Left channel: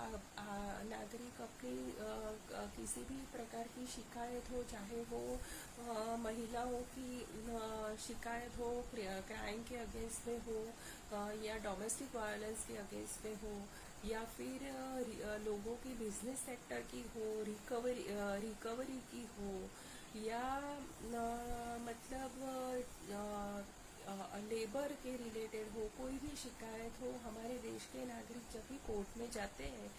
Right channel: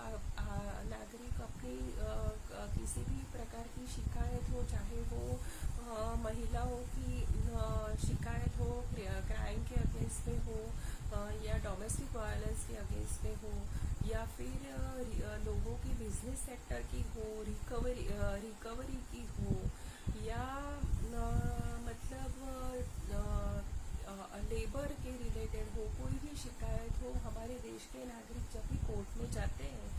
नागरिक अपनी किसी भी प्रकार की शिकायत हो, चाहे वो महिलाओं की शिकायत हो, क्राइम के अगेंस्ट में हो, या डोमेस्टिक वायलेंस के अगेंस्ट में हो, या फिर लोगों की बिजनेस सेक्टर की हो, रिकवरी की हो, या मतलब लेबर के रिलेटेड हो, कोई भी शिकायत हो, हमारे देश के नागरिक जब भी कोर्ट में जाते हैं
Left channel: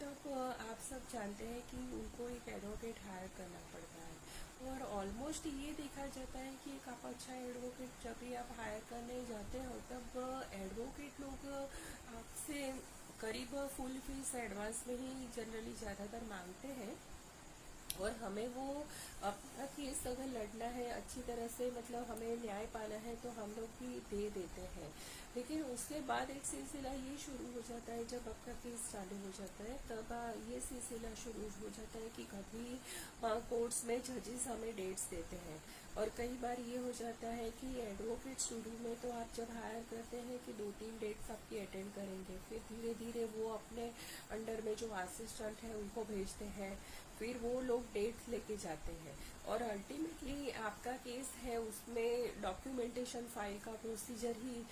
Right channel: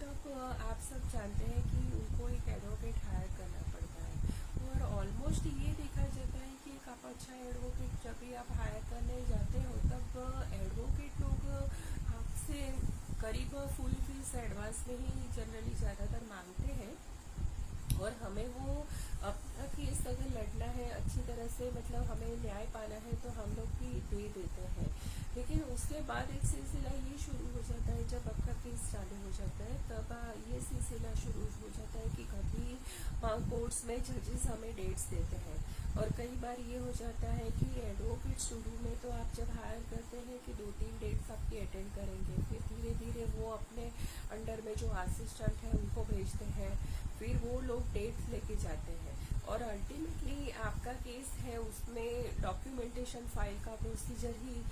तब आप सब जानते हैं कि उनको एक एडवोकेट हायर करना पड़ता है। और ऑलमोस्ट ये देखा जाता है कि एक आप अच्छा एडवोकेट जब भी आप हायर करने जाते हो तब एडवोकेट लोग आपसे करीब फुल फीस एडवांस में ही जनरली ज़्यादातर मांगते हैं, और हमें वो अपना केस अगर लड़ना है अच्छी तरह से, मतलब हमें न्याय पाना है, तो हम लोग भी दे देते हैं। लेकिन उसके बाद एक सिलसिला ये शुरू हो जाता है, जब आपका केस चालू हो जाता है तब ये सिलसिला शुरू हो जाता है कि कभी कोर्ट्स में जजेस हमें डेट्स देते हैं, और कई बार ये हो जाता है कि एडवोकेट शुरू में तो आप जब हायर करते हैं कि 2-3 डेट्स आपकी अटेंड करेंगे, फिर धीरे धीरे वो अपने अंडर में जो असिस्टेंट है उनको भेजते हैं, फिर वो लोग डेट लेके जाते हैं, और अल्टीमेटली आपका केस है उसमें डॉक्यूमेंटेशन फाइल का प्रोसीजर ही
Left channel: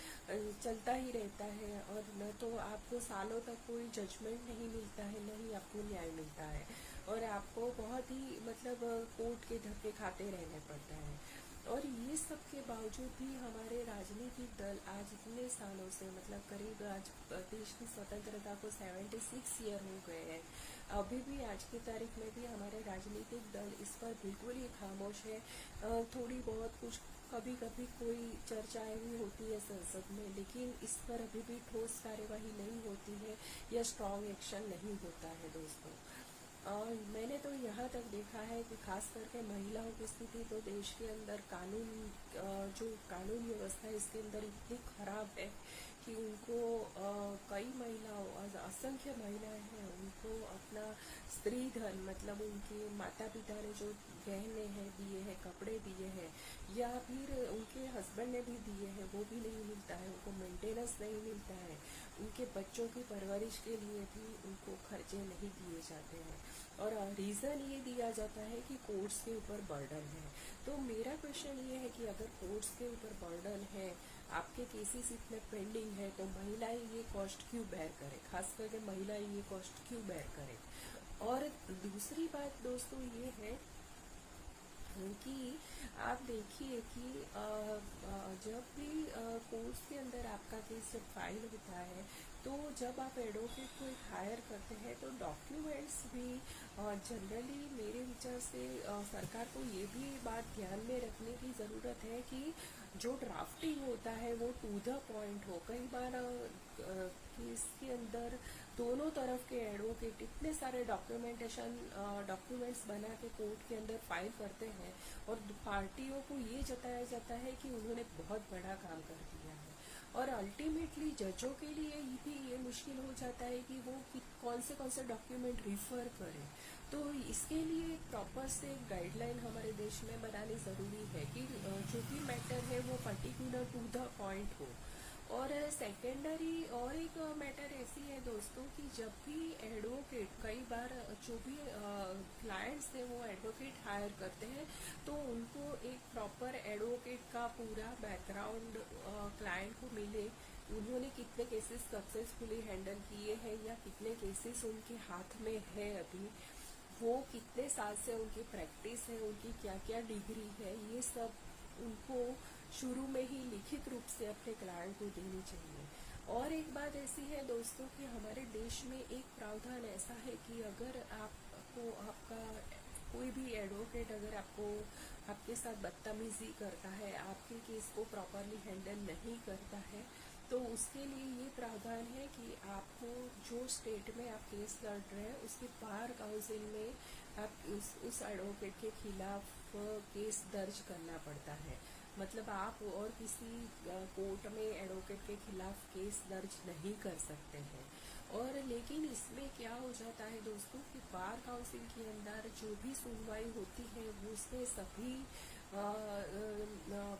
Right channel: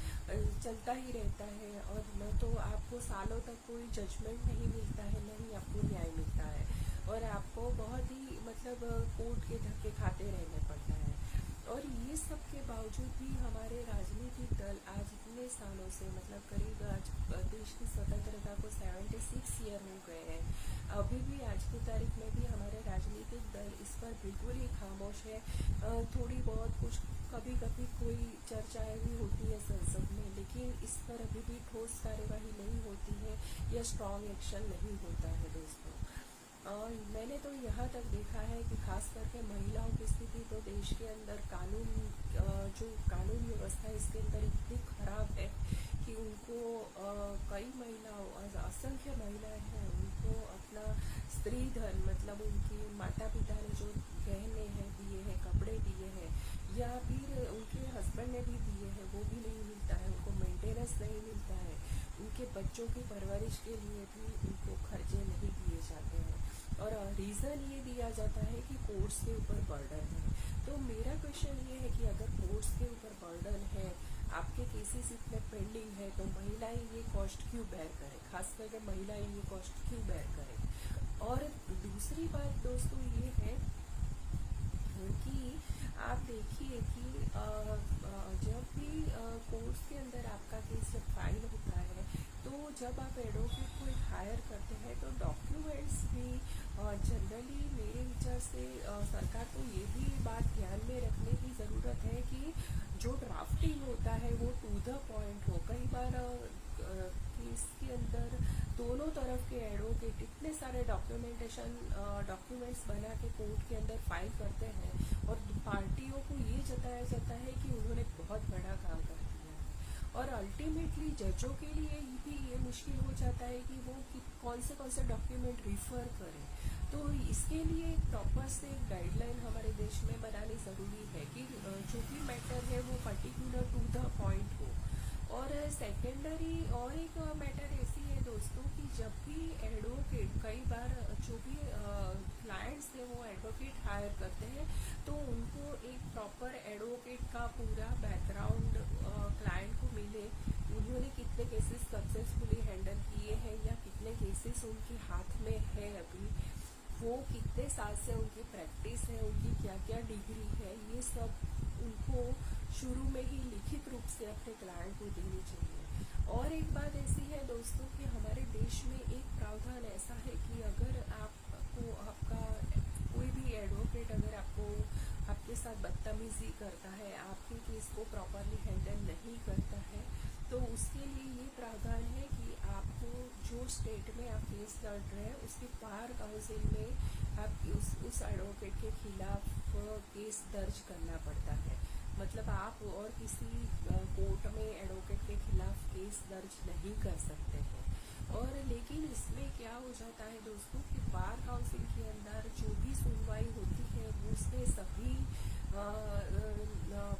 चलता ही रहता है, और न तो आपको सालों तक कोई जजमेंट नहीं मिलता है, न ही आपको न्याय मिलता है, और आपको बहुत ही मतलब कोर्ट के धक्के खाते रहने पड़ता है। और ये सब के बावजूद भी हमारे राजनीतिक दल आज इतने सालों से, मतलब करीब आज देश की स्वतंत्रता को 76 ईयर हो गए हैं, अभी भी आज की तारीख में भी हमारे राजनीतिक दल इस पर बिल्कुल ही खामोश है। थोड़ी बहुत कुछ कभी कभी कोई चर्चाएं भी होती है संसद में, लेकिन इस पर अभी भी ठोस कार्यवाही नहीं होती है या स्ट्रांग एक्शन नहीं होता है दोस्तों। मैंने तो यहाँ तक देखा है कि खास करके महिलाओं की स्थिति तो देश के अंदर कानून, जो कानून व्यवस्था है इसके अंदर इतनी खराब है कि उनको कई महिलाओं, असंख्य महिलाएं हैं, उनको अपना स्त्री धन, मतलब उनके माता पिता ने जो गहने हैं दिए हैं, कपड़े दिए हैं, या फिर उनके हस्बैंड ने भी दिए हैं, वो भी नहीं मिलता है, उनको मेंटेनेंस नहीं मिलता है, उनके बच्चों की परवरिश के लिए भी उनको खर्चे नहीं दिए जाते हैं, और रीजन ये दिया जाता है कि कोर्ट्स के ऊपर बर्डन है। तो मेरा क्वेश्चन ये है कि अगर कोर्ट्स के ऊपर बर्डन है, आपके केसेस इतने पेंडिंग है, तो महिलाएं ये कॉस्ट क्यों बेयर करें, खास करके महिलाएं ये कॉस्ट क्यों बेयर करें। और दूसरी बात दोस्तों ये है कि आप देखिए कि जब भी कोर्ट्स के अंदर आपका केस जब फाइल होता है, तो जब आप एडवोकेट को एक हायर करते हैं तो डॉक्यूमेंट्स भी जनरली मेरे विचार से सरकार को ये भी बात ध्यान में रखने की ज़रूरत है कि जो ड्राफ्टिंग होता है वो टू द पॉइंट हो। कई बार केस के अंदर दोनों तरफ के एडवोकेट इतने सारे डॉक्यूमेंट्स बना के कोर्ट के अंदर फाइल करते हैं, और पार्टियों को ये जताया जाता है कि उन्होंने बहुत बड़ा काम कर दिया है, और अल्टीमेटली जजों के लिए भी ये मुश्किल हो जाता है कि वो कौन से डॉक्यूमेंट रिफर करें। तो इसके लिए एक प्रॉपर से गाइडलाइन हमारे देश में बनानी जरूरी है कि जो भी मैटर है वो पर्टिकुलर टू द पॉइंट हो। और सेकेंडरी और एक मैटर ऐसी है दोस्तों कि जब भी एडवोकेट, कई बार जो भी क्लाइंट्स हैं वो एडवोकेट हायर करते हैं, तो उनको एक प्रॉपर एडवोकेट का पूरा बैकग्राउंड क्लाइंट को मिले, उन्होंने कितने केसेस सक्सेसफुली हैंडल किए हैं या कितने केसेस उनके हाथ में है अभी, वो कितने साल से उनकी प्रैक्टिस है, उनकी क्या क्या डिग्री है, ये सब उनको शुरू में ही लिखित रूप से अपने क्लाइंट को देनी चाहिए। और एक बात ऐसी है दोस्तों कि हमारे देश में एक प्रावधान ऐसा है कि अगर आपको आपका कोई भी एडवोकेट अगर आपके साथ बदतमीजी करता है, आपके केस को प्रॉपरली हैंडल नहीं करता है, तो उसके लिए ये प्रावधान है कि आपको जो स्टेट में आप केस लड़ रहे हैं उसके बार काउंसिल में आप उस एडवोकेट के खिलाफ केस दर्ज करना पड़ता है। मतलब आप और किसी कोर्ट में एडवोकेट के खिलाफ केस दर्ज नहीं कर सकते हैं। और लेकिन इसमें क्या हो जाता है दोस्तों कि बार काउंसिल के अंदर जो भी सुनवाई होती है वो उसमें सभी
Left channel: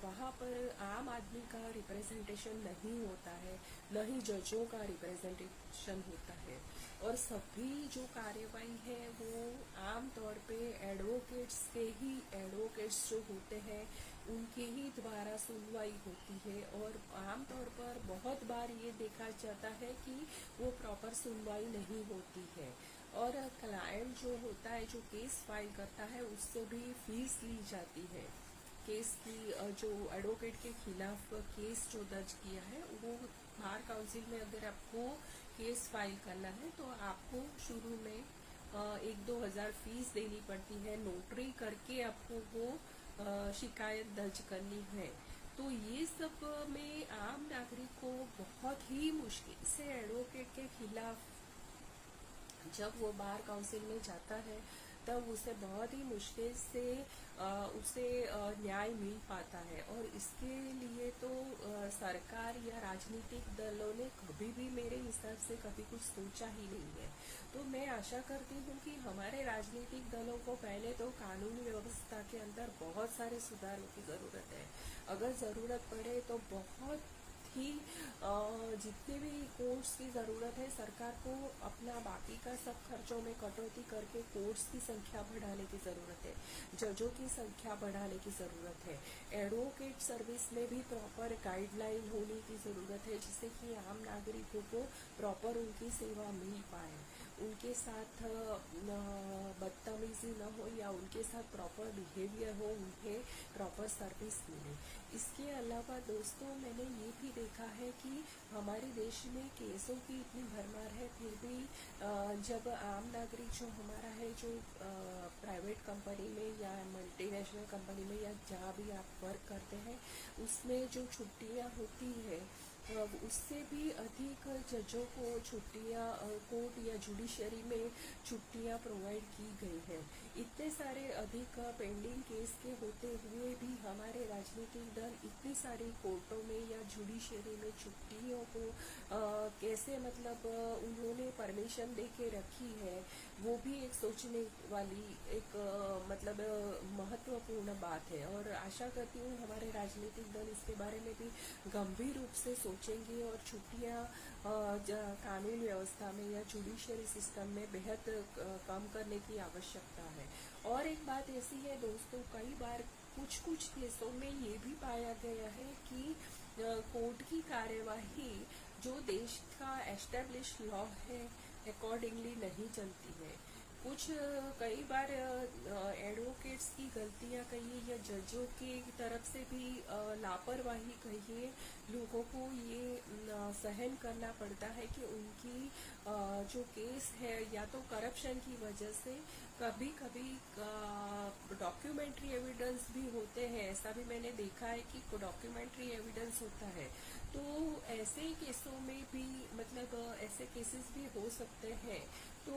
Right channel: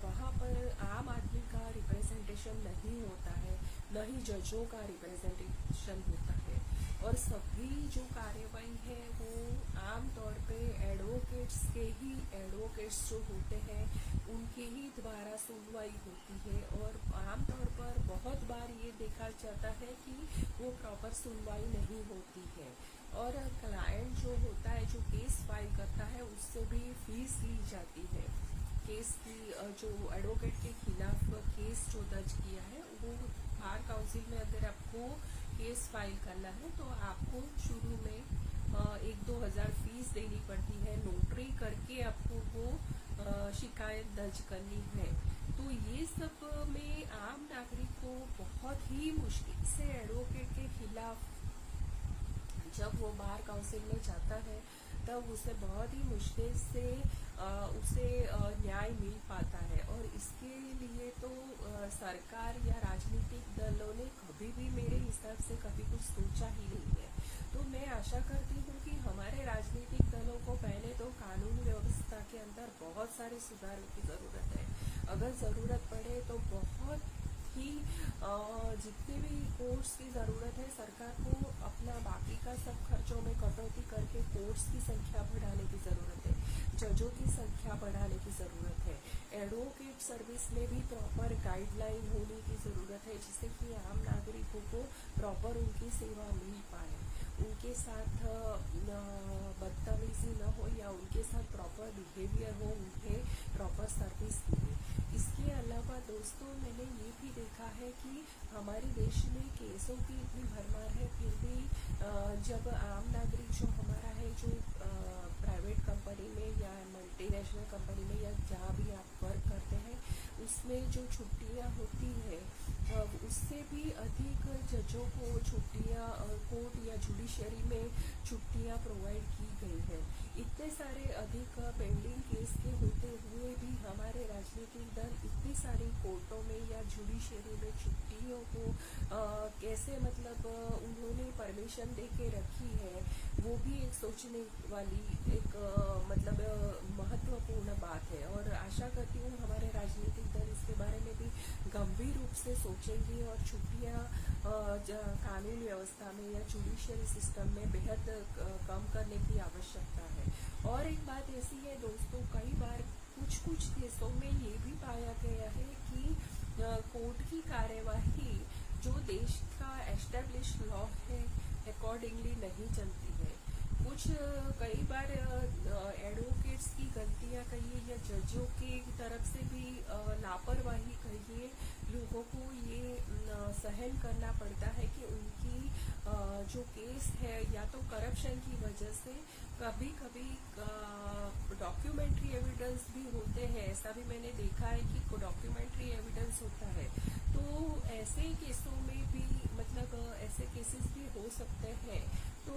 वहाँ पर आम आदमी का रिप्रेजेंटेशन नहीं होता है, न ही जजों का रिप्रेजेंटेशन होता है। और सभी जो कार्यवाही है वो आम तौर पे एडवोकेट्स जो होते हैं उनके ही द्वारा सुनवाई होती है। और आम तौर पर बहुत बार ये देखा जाता है कि वो प्रॉपर सुनवाई नहीं होती है और क्लाइंट जो होता है, जो केस फाइल करता है, उससे भी फीस ली जाती है। केस की जो एडवोकेट के खिलाफ केस जो दर्ज किया है, वो बार काउंसिल में अगर आपको केस फाइल करना है तो आपको शुरू में 1-2 हजार फीस देनी पड़ती है। नोटरी करके आपको वो शिकायत दर्ज करनी है। तो ये सब में आम नागरिक को बहुत ही मुश्किल से एडवोकेट के खिलाफ जब वो बार काउंसिल में जाता है तब उसे बहुत ही मुश्किल से उसे न्याय मिल पाता है। और इसके लिए तो सरकार या राजनीतिक दलों ने कभी भी मेरे हिसाब से कभी कुछ सोचा ही नहीं है। तो मैं आशा करती हूँ कि हमारे राजनीतिक दलों को पहले तो कानून व्यवस्था के अंदर बहुत सारे सुधारों की जरूरत है। अगर जरूरत पड़े तो बहुत ही जितने भी कोर्ट्स की जरूरत है, सरकार को अपना बाकी का सब खर्चों में कटौती करके कोर्ट्स की संख्या बढ़ाने की जरूरत है, जजों की संख्या बढ़ाने की जरूरत है। एडवोकेट सर्विस में भी प्रॉपर गाइडलाइन होने की जरूरत है, जिससे कि आम नागरिकों को प्रॉपर उनकी सेवा मिल पाए, उनके साथ बदतमीजी न हो या उनके साथ प्रॉपर बिहेवियर हो, उन्हें प्रॉपर सर्विस मिले। इसके अलावा दोस्तों, मैंने ये भी देखा है कि हमारे देश में केसों की इतनी भरमार है, फिर भी जब आम नागरिक जो हमारा है, जो प्राइवेट कंपनी में या मल्टीनेशनल कंपनी में या जहाँ भी आप वर्क करते हैं, उसमें जो छुट्टियाँ होती है उससे भी अधिक जजों को छुट्टियाँ कोर्ट या जुडिशरी में छुट्टियाँ प्रोवाइड की गई है। इतने सारे अधिक पेंडिंग केस के होते हुए भी हमारे राजनीतिक दल इतनी सारी कोर्टों में या जुडिशरी में छुट्टियों को कैसे उन्होंने परमिशन दे के रखी है, वो भी एक सोचने वाली एक महत्वपूर्ण बात है। और आशा करती हूँ हमारे राजनीतिक दल इसके बारे में भी गंभीर रूप से सोचेंगे और छुट्टियाँ कानून व्यवस्था में या जुडिशरी सिस्टम में बेहद कम करने की आवश्यकता है। और एक बात ऐसी है दोस्तों, कई बार कुछ केसों में ये भी पाया गया है कि कोर्ट की कार्यवाही जो देश का एस्टेब्लिश लॉ है अकॉर्डिंगली नहीं चलती है। कई बार एडवोकेट्स की गलतियां कहिए या जजों की तरफ से भी लापरवाही कहिए, लोगों को ये सहन करना पड़ता है कि उनकी जो केस है या तो करप्शन की वजह से कभी कभी डॉक्यूमेंट्री एविडेंस भी होते हैं। ऐसा भी मैंने देखा है कि डॉक्यूमेंट्री एविडेंस होता है। तो ऐसे केसों में भी ऐसे केसेस भी हो सकते हैं। तो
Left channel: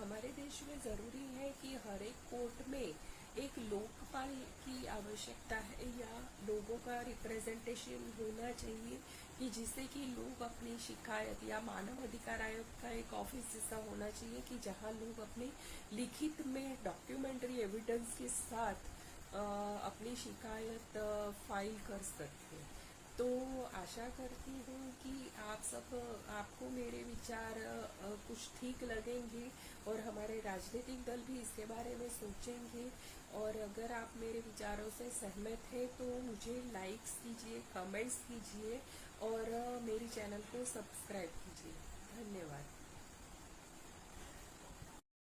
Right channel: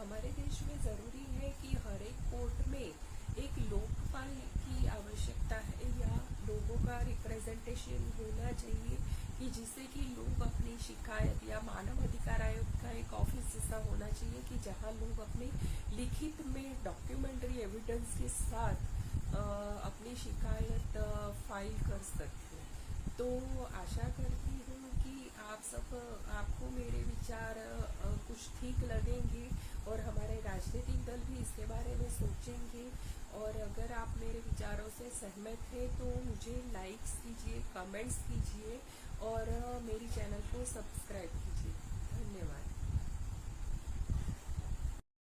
हमारे देश में जरूरी है कि हर एक कोर्ट में एक लोकपाल की आवश्यकता है या लोगों का रिप्रेजेंटेशन होना चाहिए, कि जिससे कि लोग अपनी शिकायत या मानव अधिकार आयोग का एक ऑफिस जैसा होना चाहिए कि जहां लोग अपने लिखित में डॉक्यूमेंट्री एविडेंस के साथ अपनी शिकायत फाइल कर सकते हैं। तो आशा करती हूँ कि आपको मेरे विचार कुछ ठीक लगेंगे और हमारे राजनीतिक दल भी इसके बारे में सोचेंगे। और अगर आप मेरे विचारों से सहमत हैं तो मुझे लाइक्स कीजिए, कमेंट्स कीजिए और मेरी चैनल को सब्सक्राइब कीजिए।